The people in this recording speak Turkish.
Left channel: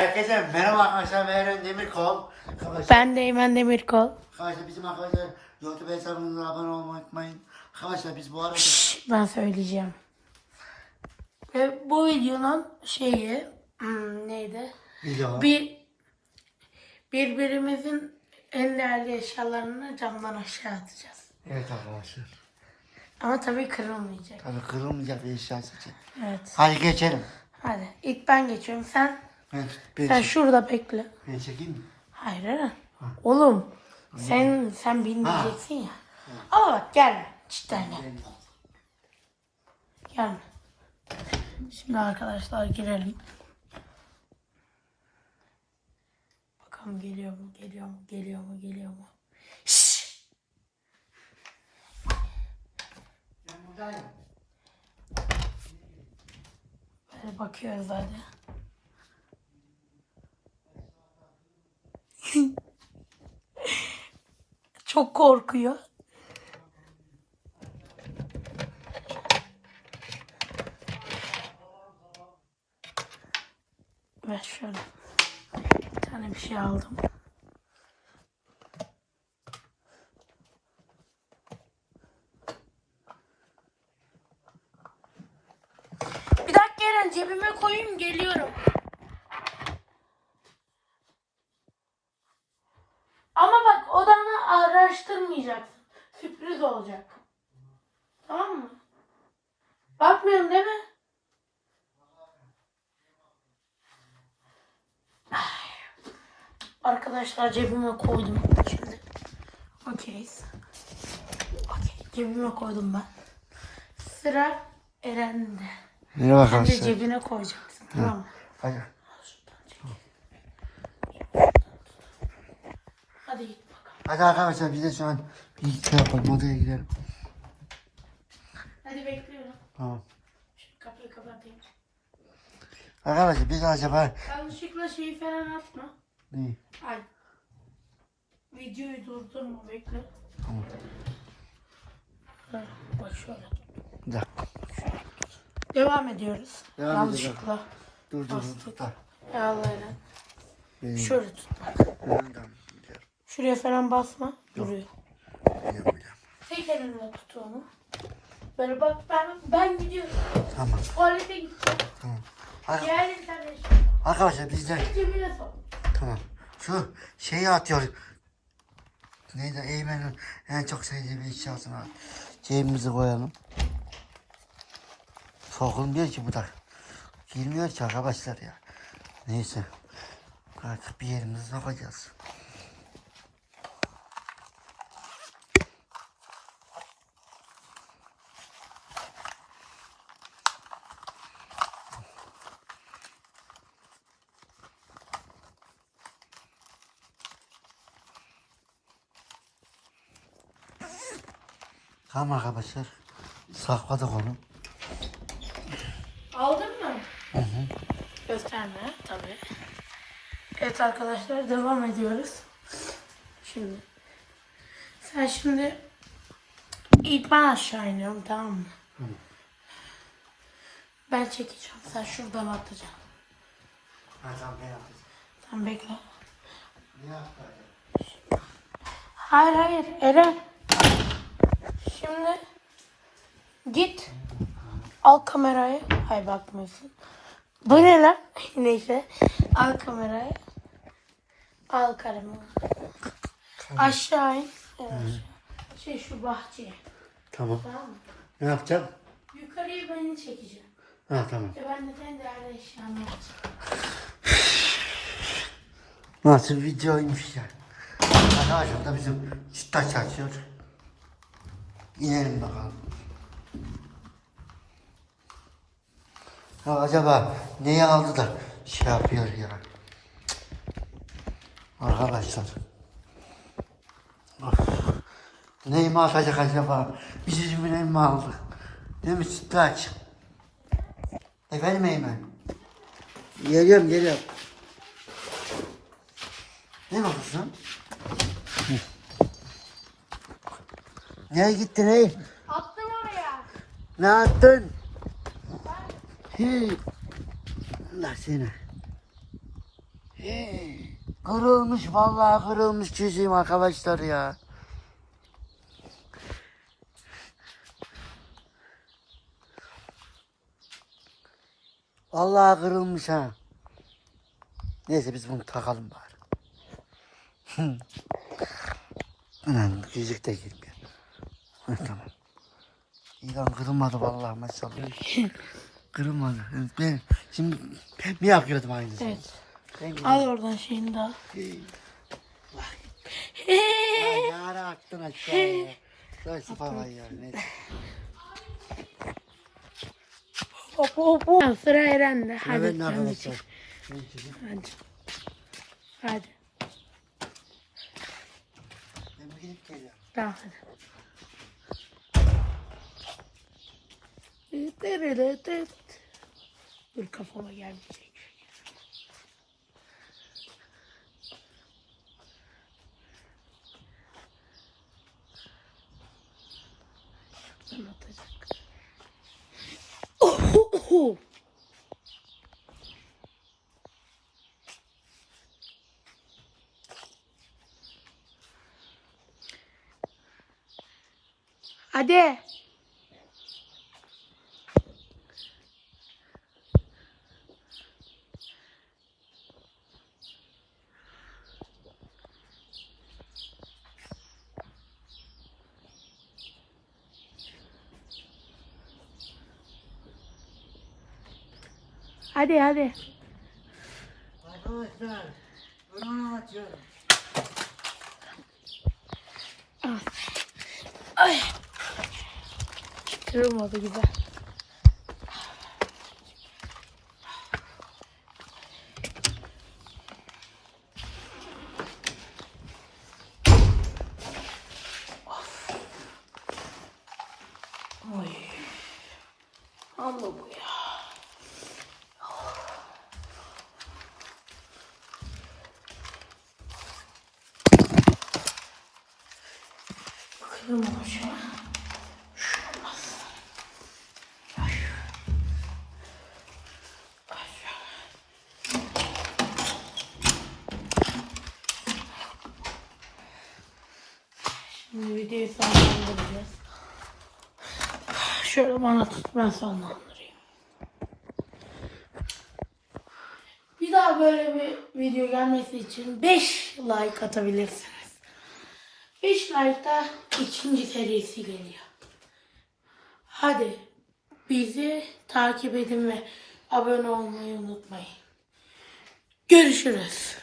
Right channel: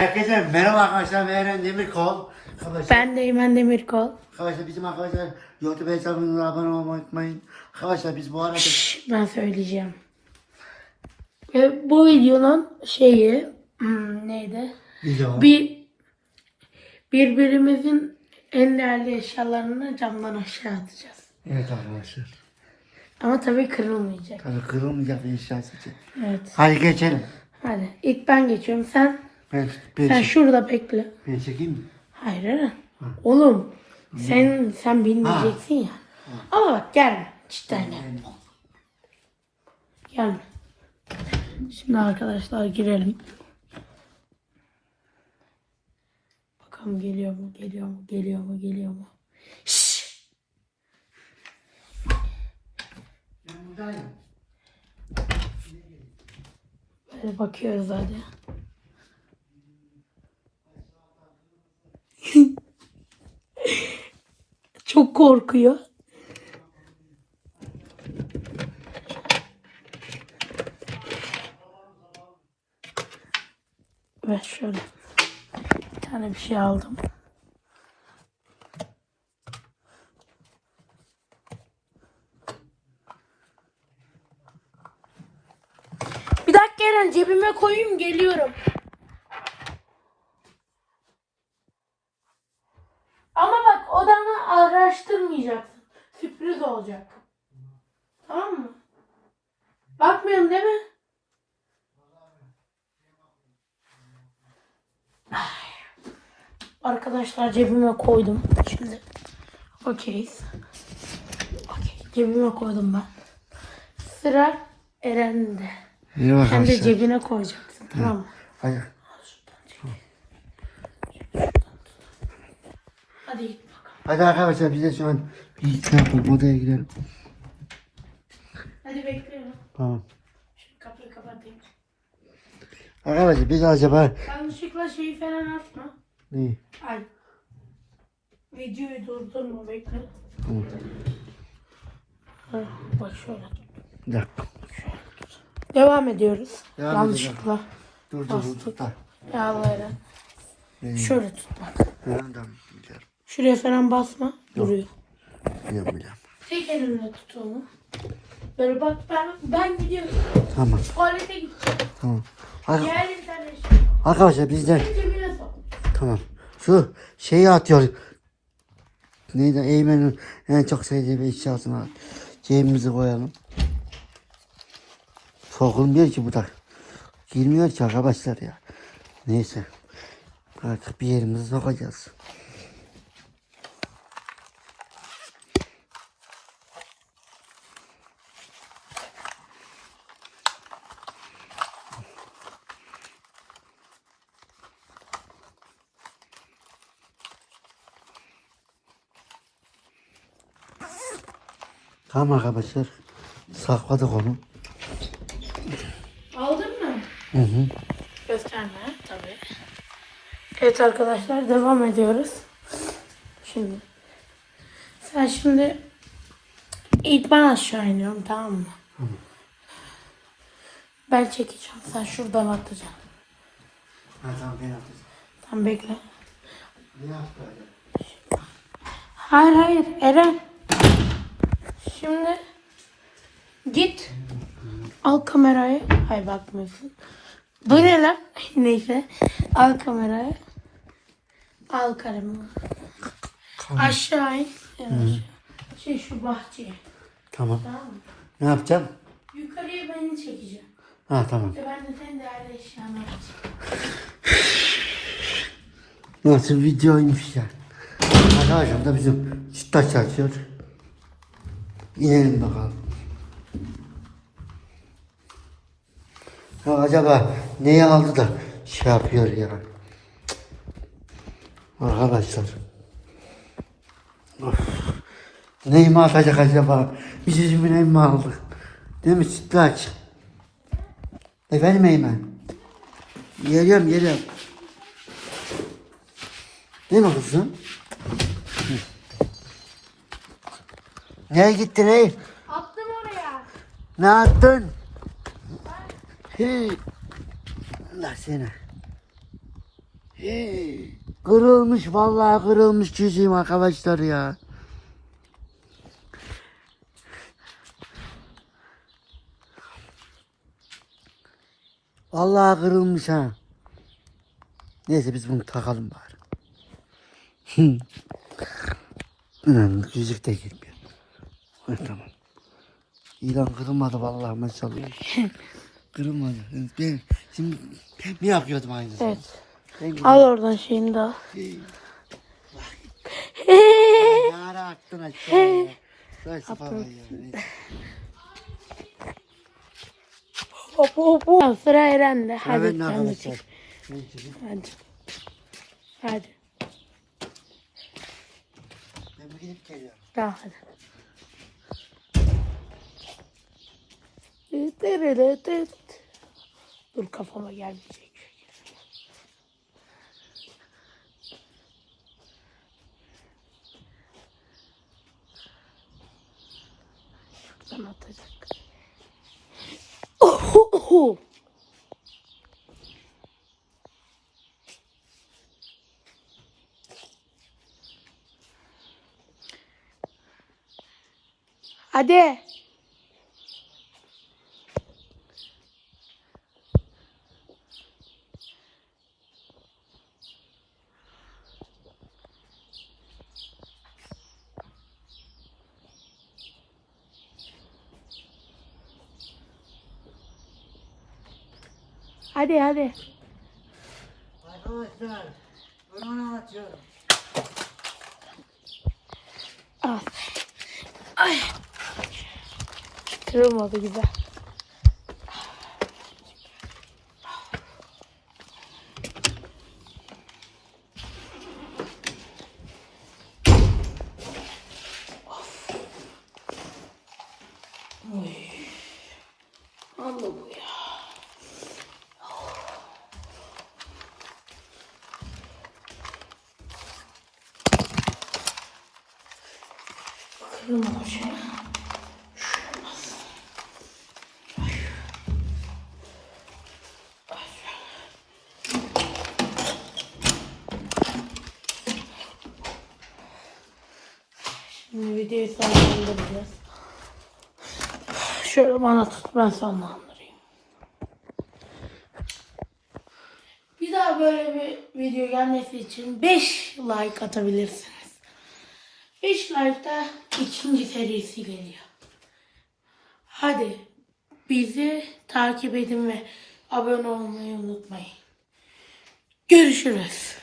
Herkese merhaba arkadaşlar ben Eren Demirkol. Arkadaşlar, Ben de Eymen Demirkol. arkadaşlar bizim arkadaşlar YouTube hesabımıza abone olmayı unutmayın. Arkadaşlar biz bu arada ben söyleyeceğim. Ve bu videonun şeyi hmm, neydi? video Bir birbirimizin en değerli eşyalarını camdan aşağı atacağız. Evet arkadaşlar. Ama tabii kırılmayacak. Tabii kırılmayacak bir eşya seçin. Evet. Hadi geçelim. Hadi ilk ben geçiyorum. Sen Ben, ben, sen şurada bekle. ben çekeyim mi? Hayır Eren. Oğlum sen sen bilmeyeceksin ya. Ama bak gelme. Cidden gelme. Gelme. Şimdi arkadaşlar girelim. Bakalım geliyor mu, geliyor mu, geliyor mu, geliyor mu? Şşş! Ben buradayım. Böyle bakıyoruz hadi. Çok korkuyor. Ve şöyle bir tane bir şey aldım. Bir dakika Eren cebime koyayım geliyorum. Ama bak odanı araştırmayacaksın. Sürpriz olacak. Tamam mı? Bakmıyorsun değil mi? Arkadaşlar cebime koydum. Şimdi okeyiz. Okey cebime koydum ben. Sıra Eren'de. Merhaba Sen de cebine koyacaksın tamam mı? Hadi. Hadi git bakalım. Hadi arkadaşlar biz de şu an bir şey yapalım odaya gidelim. Hadi bekliyorum. Tamam. Şu kapıyı kapatayım. Arkadaşlar biz acaba Yanlışlıkla şeyi falan atma. ne? Ay. Videoyu durdurma bekle. Tamam. Ha, bak şöyle. Bir dakika. Devam ediyoruz. Devam Yanlışlıkla. Dur dur dur. Yağları. Şöyle tut bak. Şuraya falan basma. Duruyor. Biliyorum biliyorum. Tek elimle tut onu. Böyle bak ben ben gidiyorum. Tamam Tuvalete gideceğim. tamam. Ar- arkadaşlar biz de Cebine sok. tamam. Şu şeyi atıyor. Neydi? Eymen'in en çok sevdiği bir eşyasını cebimize koyalım. Sokulmuyor ki bu da. Girmiyor ki arkadaşlar ya. Neyse. Artık bir yerimize sokacağız. Tamam arkadaşlar. Sakladık onu. Aldın mı? Hı hı. Gösterme tabii. Evet arkadaşlar devam ediyoruz. Şimdi. Sen şimdi ilk ben aşağı iniyorum tamam mı? Ben çekeceğim. Sen şuradan atacaksın. Ha, tamam ben yapacağım. Sen bekle. Ne yaptın? Hayır hayır Eren. Şimdi git. Al kamerayı. Hayır bakmıyorsun. Bu ne lan? Neyse. Al kamerayı. Al kalemi. Aşağı in. Yavaş. Şey şu bahçeye. Tamam. Tamam mı? Ne yapacağım? Yukarıya beni çekeceğim. Ha tamam. Ben de sen değerli eşyanı alacağım. Nasıl videoymuş ya. Arkadaşlar da bizim sütlaç açıyor. İnelim bakalım. Ya acaba neyi aldı da şey yapıyor ya. Arkadaşlar. Of. Neyi mi atacak acaba? Bizim neyi mi aldı? Değil mi sütlaç? Efendim Eymen? Geliyorum geliyorum. Değil mi kızım? Nereye gittin ey? Attım oraya. Ne yaptın? Hey. Allah seni. Kırılmış vallahi kırılmış çizim arkadaşlar ya. Vallahi kırılmış ha. Neyse biz bunu takalım bari. Hı. Ulan yüzük de girmiyor. Tamam. İlan kırılmadı vallahi maşallah. kırılmadı. Ben şimdi bir yakıyordum aynı. Evet. Ben Al oradan şeyini de al. Ara aşağıya. Şöyle falan ya. neyse. Hop hop Sıra Eren'de. Hadi Evet sen de arkadaşlar. Ben çekeyim. Hadi. Hadi. Ben bir gidip geliyorum. Tamam hadi. Dur kafama gelmeyecek. Şuradan atacak. Oh, oh, oh. Hadi. Hadi hadi. Arkadaşlar. Ben onu anlatıyorum. Al. Ay. Kırılmadı güzel. Of. Oy. Amma bu ya. Kırılmamış. Şuramaz. Ay. Ay. Şimdi videoyu sonlandıracağız. Şöyle bana tut ben sonlandırayım. Bir daha böyle bir video gelmesi için 5 like atabilirsiniz. 5 like'da ikinci serisi geliyor. Hadi bizi takip edin ve abone olmayı unutmayın. Görüşürüz.